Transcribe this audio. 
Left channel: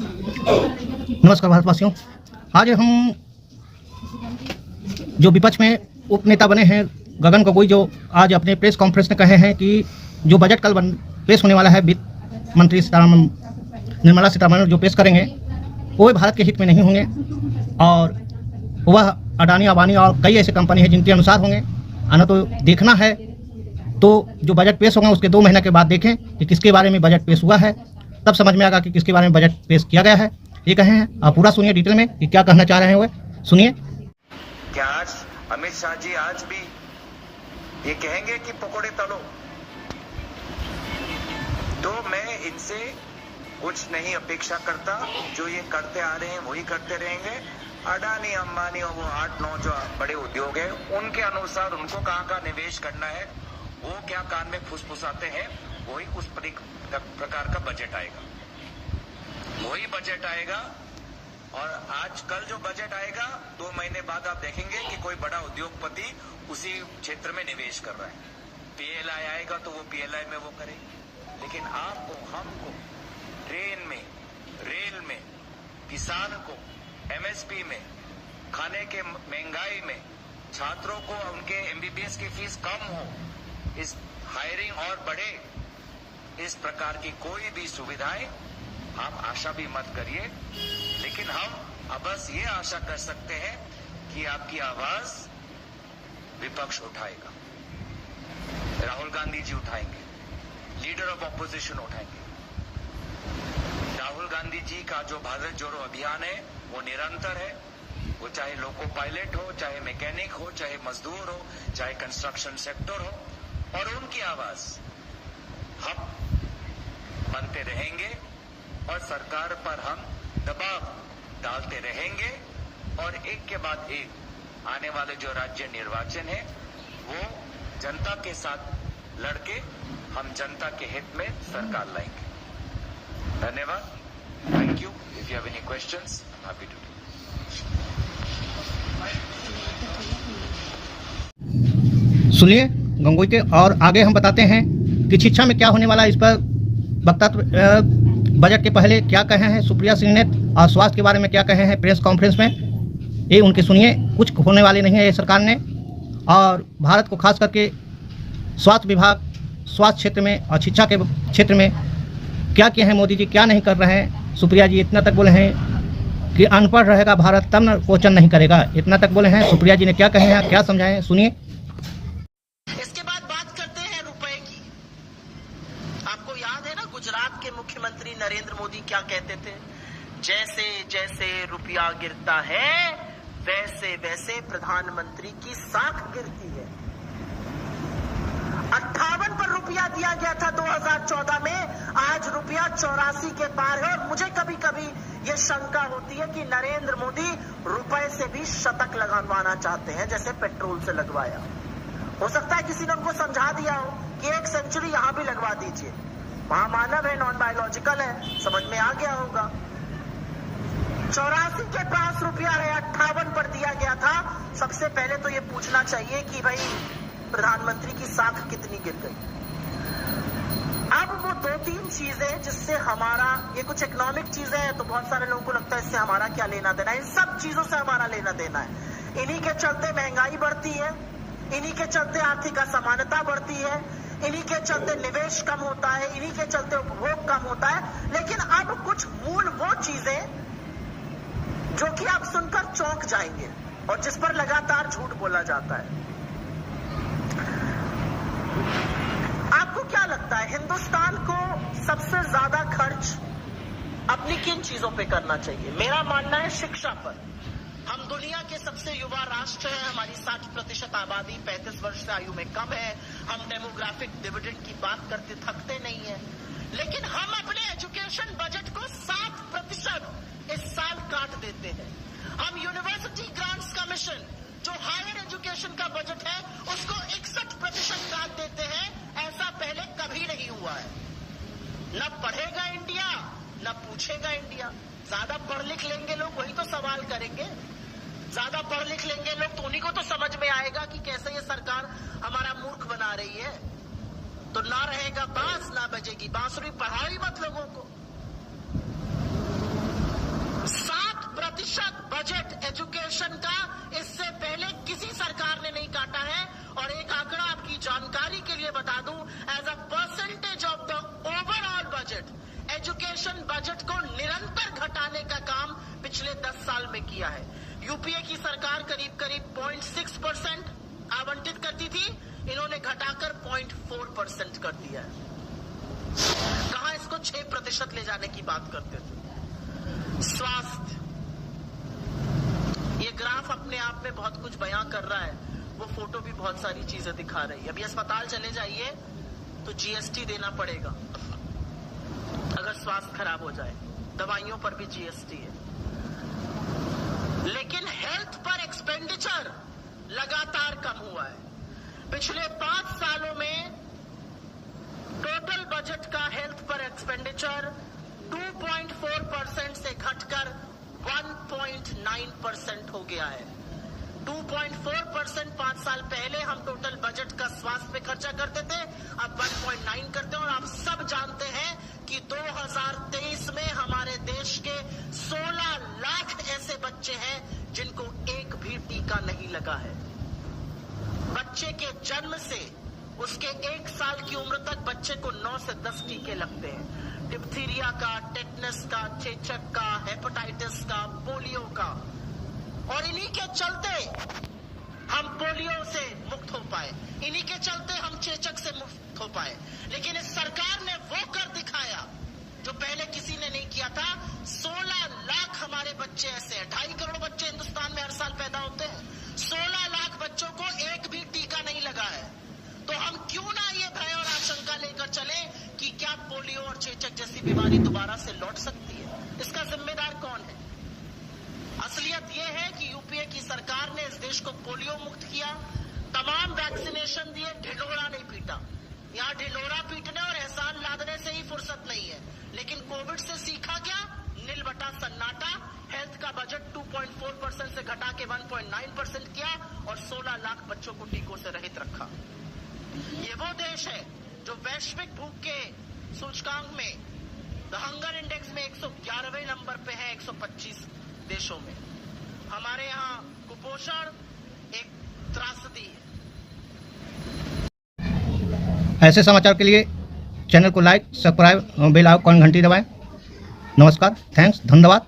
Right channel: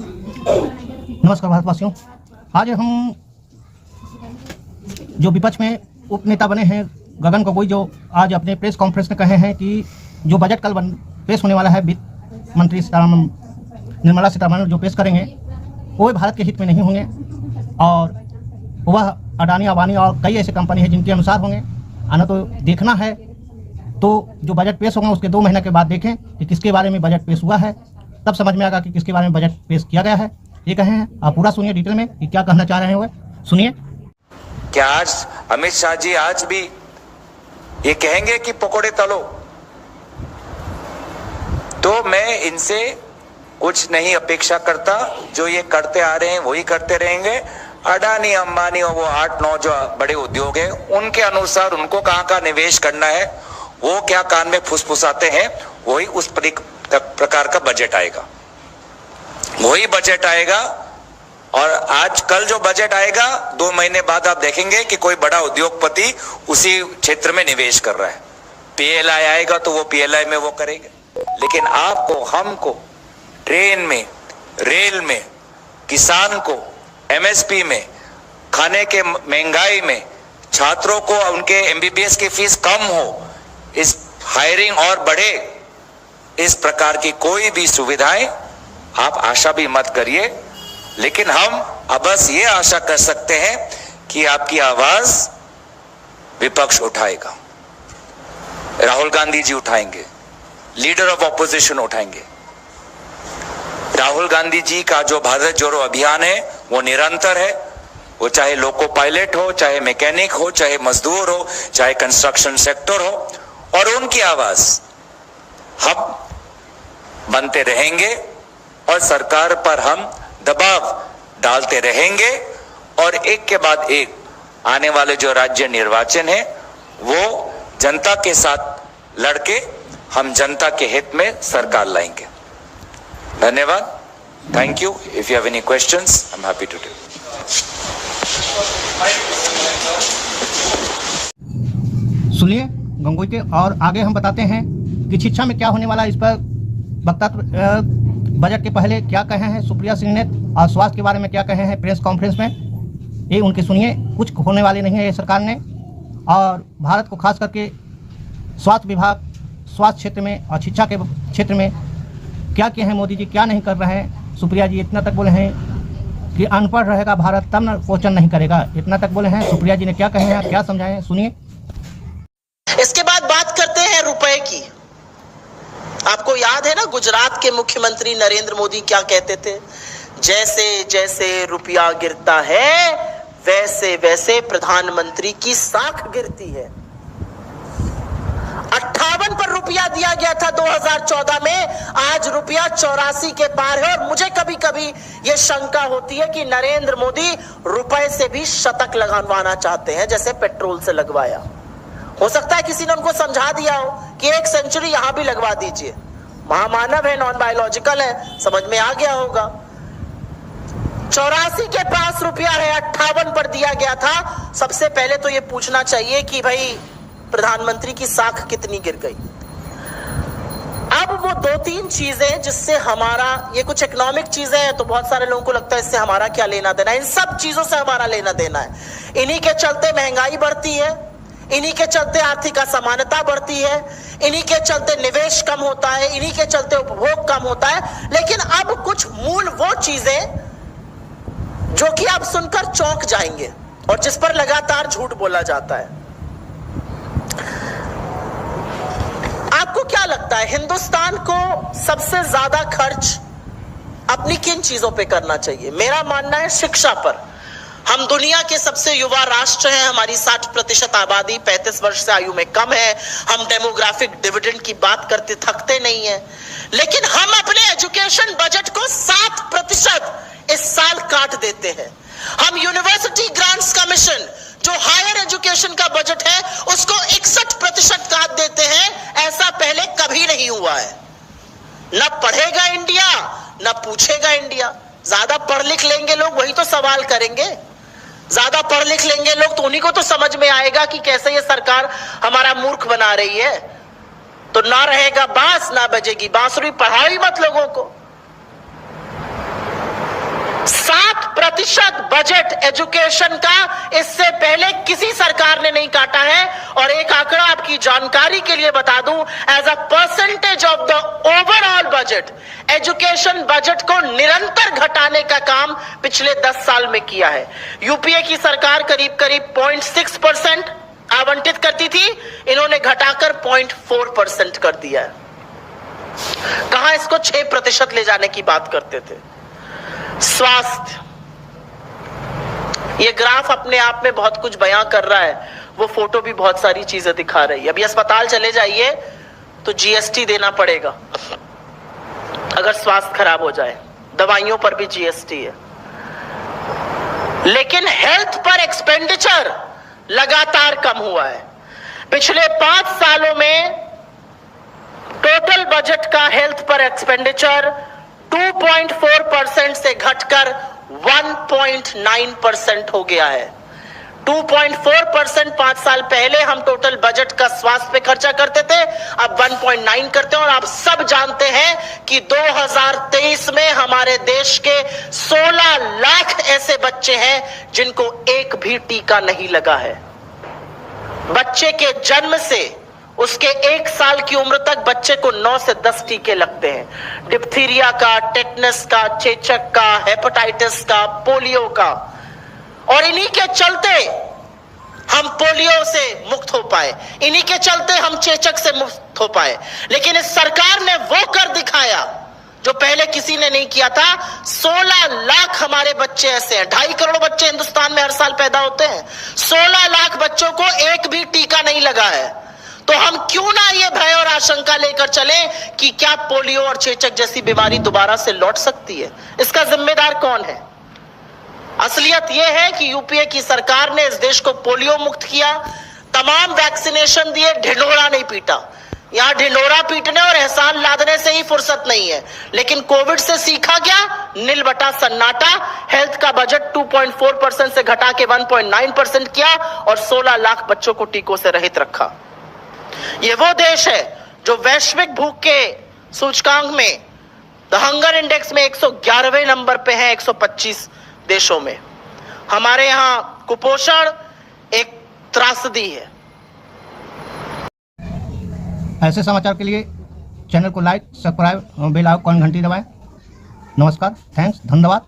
नमस्कार भारतवासियों। आज हम जो विपक्ष में उप नेता बने हैं गगन गोगोई, जो आज अपने प्रेस कॉन्फ्रेंस में कहे हैं कि जो बजट कल पेश होने वाला है, वित्त मंत्री निर्मला सीतारमण जो पेश करेंगे वो भारत के हित में नहीं होंगे और वह अडानी अंबानी और कई ऐसे कंपनी है जिनके अनुसार होंगे। आना तो देखना है, तो जो बजट पेश होगा उसके 2 महीने के बाद देखें कि किसके बारे में बजट पेश हुआ है, तब समझ में आएगा कि किसके बारे में बजट पेश किया गया है। ये कहे हैं, आप पूरा सुनिए डिटेल में कि क्या कहना चाह रहे हैं। वो सुनिए। क्या आज अमित शाह जी आज भी ये कहेंगे कि पकोड़े तलो? तो मैं इनसे कुछ नहीं अपेक्षा करता। जो ये करते आ रहे हैं वही करते रहेंगे। अडानी अंबानी और वो 8-9 जो बड़े उद्योग है उनके अनुसार उनको कहाँ का निवेश करना है, वो क्या कान में फुसफुसाते हैं, वही उस प्रकार का बजट आएगा, वही बजट आएगा। और आज कल जो बजट आएगा 2 महीने बाद आप देखेंगे कि कोई बड़ा उद्योगपति उसी क्षेत्र में निवेश कर रहा है। पीएलआई आएगा तो वो पीएलआई में वो करेंगे। लेकिन आपको, हमको ट्रेन में, रेल में, किसान को एमएसपी में, खाने के महंगाई में, छात्रों को उनके एमबीबीएस की फीस कम हो, इस हायरिंग और बढ़े, इस प्रकार की कोई भी सुविधाएं आप आशा भी मत करिए। लेकिन हम अब बस ये आशा कर सकते हैं कि आपकी आवाज विपक्ष उठाएगा, राहुल गांधी जी उठाएंगे, लीडर ऑफ ऑपोजिशन उठाएंगे। राहुल गांधी जी का जो भारत जोड़ो अभियान है वो निरंतर है। वो चाहे लोको पायलट हो, चाहे मैकेनिक हो, चाहे मजदूर हो, चाहे कंस्ट्रक्शन सेक्टर हो, और उनकी आवाज हम बनते रहेंगे और सरकार पर हम दबाव डालते रहेंगे। और एक के बाद एक आने वाले जो राज्य निर्वाचन है वो जनता के साथ लड़के हम जनता के हित में सरकार लाएंगे। धन्यवाद। Thank you. If you have any questions I am happy to do. सुनिए गंगोई के, और आगे हम बताते हैं कि शिक्षा में क्या होने वाला है। इस पर वक्ता बजट के पहले क्या कहे हैं सुप्रिया सिंह ने, और स्वास्थ्य के बारे में क्या कहे हैं प्रेस कॉन्फ्रेंस में, ये उनके सुनिए। कुछ होने वाले नहीं है ये सरकार ने, और भारत को खास करके स्वास्थ्य विभाग, स्वास्थ्य क्षेत्र में और शिक्षा के क्षेत्र में क्या किए हैं मोदी जी, क्या नहीं कर रहे हैं। सुप्रिया जी इतना तक बोले हैं कि अनपढ़ रहेगा भारत तब न क्वेश्चन नहीं करेगा, इतना तक बोले हैं। सुप्रिया जी ने क्या कहे हैं, क्या समझाए हैं, सुनिए। इसके बाद बात करते हैं रुपए की। आपको याद है ना, गुजरात के मुख्यमंत्री नरेंद्र मोदी क्या कहते थे? जैसे जैसे रुपया गिरता है वैसे वैसे प्रधानमंत्री की साख गिरती है। 58 पर रुपया दिया गया था 2014 में, आज रुपया 84 के पार है। और मुझे कभी कभी यह शंका होती है कि नरेंद्र मोदी रुपए से भी शतक लगवाना चाहते हैं जैसे पेट्रोल से लगवाया। हो सकता है किसी ने उनको समझा दिया हो कि 1 सेंचुरी यहां भी लगवा दीजिए। महामानव है, नॉन बायोलॉजिकल है, समझ में आ गया होगा। 84 के पास रुपया है, 58 पर दिया गया था। सबसे पहले तो ये पूछना चाहिए कि भाई प्रधानमंत्री की साख कितनी गिर गई। अब वो 2-3 चीजें जिससे हमारा, ये कुछ इकोनॉमिक चीजें हैं तो बहुत सारे लोगों को लगता है इससे हमारा क्या लेना देना है। इन सब चीजों से हमारा लेना देना है। इन्हीं के चलते महंगाई बढ़ती है, इन्हीं के चलते आर्थिक असमानता बढ़ती है, इन्हीं के चलते निवेश कम होता है, इन्हीं के चलते उपभोग कम होता है। लेकिन अब कुछ मूल वो चीजें जो कि आप सुनकर चौंक जाएंगे और जिस पर लगातार झूठ बोला जाता है। आपको क्या लगता है हिंदुस्तान को सबसे ज्यादा खर्च अपनी किन चीजों पे करना चाहिए? मेरा मानना है शिक्षा पर। हम दुनिया के सबसे युवा राष्ट्र हैं, हमारी 60% आबादी 35 वर्ष से आयु में कम है। हम डेमोग्राफिक डिविडेंड की बात करते थकते नहीं है, लेकिन हम अपने एजुकेशन बजट को 7% इस साल काट देते हैं। हम यूनिवर्सिटी ग्रांट्स कमीशन जो हायर एजुकेशन का बजट है उसको 61% काट देते हैं। ऐसा पहले कभी नहीं हुआ है। न पढ़ेगा इंडिया न पूछेगा इंडिया। ज्यादा पढ़ लिख लेंगे लोग वही तो सवाल करेंगे। ज्यादा पढ़ लिख लेंगे लोग तो उन्हीं को तो समझ में आएगा कि कैसे ये सरकार हमारा मूर्ख बना रही है। तो ना रहेगा बांस ना बजेगी बांसुरी, पढ़ाई मत लोगों को। 1% बजट एजुकेशन का इससे पहले किसी सरकार ने नहीं काटा है। और एक आंकड़ा आपकी जानकारी के लिए बता दूं, as a percentage of the overall budget, education budget को निरंतर घटाने का काम पिछले 10 साल में किया है। यूपीए की सरकार करीब करीब 0.6% आवंटित करती थी, इन्होंने घटाकर 0.4% कर दिया है। कहां इसको 6% ले जाने की बात करते थे। स्वास्थ्य, ये ग्राफ अपने आप में बहुत कुछ बयां कर रहा है, वो फोटो भी बहुत सारी चीजें दिखा रही है। अभी अस्पताल चले जाइए तो जीएसटी देना पड़ेगा अगर स्वास्थ्य खराब हो जाए, दवाइयों पर भी जीएसटी है। लेकिन हेल्थ पर एक्सपेंडिचर लगातार कम हुआ है। पिछले 5 सालों में टोटल बजट का हेल्थ पर एक्सपेंडिचर 2.4% से घटकर 1.9% हो गया है। 2.4% 5 साल पहले हम टोटल बजट का स्वास्थ्य पे खर्चा करते थे, अब 1.9 करते हैं। और आप सब जानते हैं कि 2023 में हमारे देश के 16 लाख ऐसे बच्चे हैं जिनको एक भी टीका नहीं लगा है। बच्चे के जन्म से उसके 1 साल की उम्र तक बच्चे को 9 से 10 टीके लगते हैं, डिप्थीरिया का, टेटनस का, चेचक का, हेपेटाइटिस का, पोलियो का। और इन्हीं के चलते हम पोलियो से मुक्त हो पाए, इन्हीं के चलते हम चेचक से मुक्त हो पाए। लेकिन इस सरकार ने वो कर दिखाया जो पहले किसी ने नहीं किया था। 16 लाख हमारे बच्चे ऐसे हैं, 2.5 करोड़ बच्चे हिंदुस्तान में हर साल पैदा होते हैं, 16 लाख बच्चों को एक भी टीका नहीं लगा है। तो हम क्यों ना ये भय और आशंका लेकर चले कि क्या पोलियो और चेचक जैसी बीमारी दोबारा से लौट सकती है। इसका जिम्मेदार कौन है? असलियत यह है कि यूपीए की सरकार ने इस देश को पोलियो मुक्त किया, तमाम वैक्सीनेशन दिए, ढिंढोरा नहीं पीटा। यहां ढिंढोरा पीटने और एहसान लादने से ही फुर्सत नहीं है। लेकिन कोविड से सीखा गया, नील बटा सन्नाटा। हेल्थ का बजट 2.4% से घटा के 1.9% किया और 16 लाख बच्चों को टीकों से रहित रखा। ये वो देश है जो वैश्विक भूख के सूचकांक में, द हंगर इंडेक्स में 111वें नंबर पे है 125 देशों में। हमारे यहां कुपोषण एक त्रासदी है। ऐसे समाचार के लिए चैनल को लाइक, सब्सक्राइब, बेल आइकन घंटी दबाएं। नमस्कार, थैंक्स, धन्यवाद।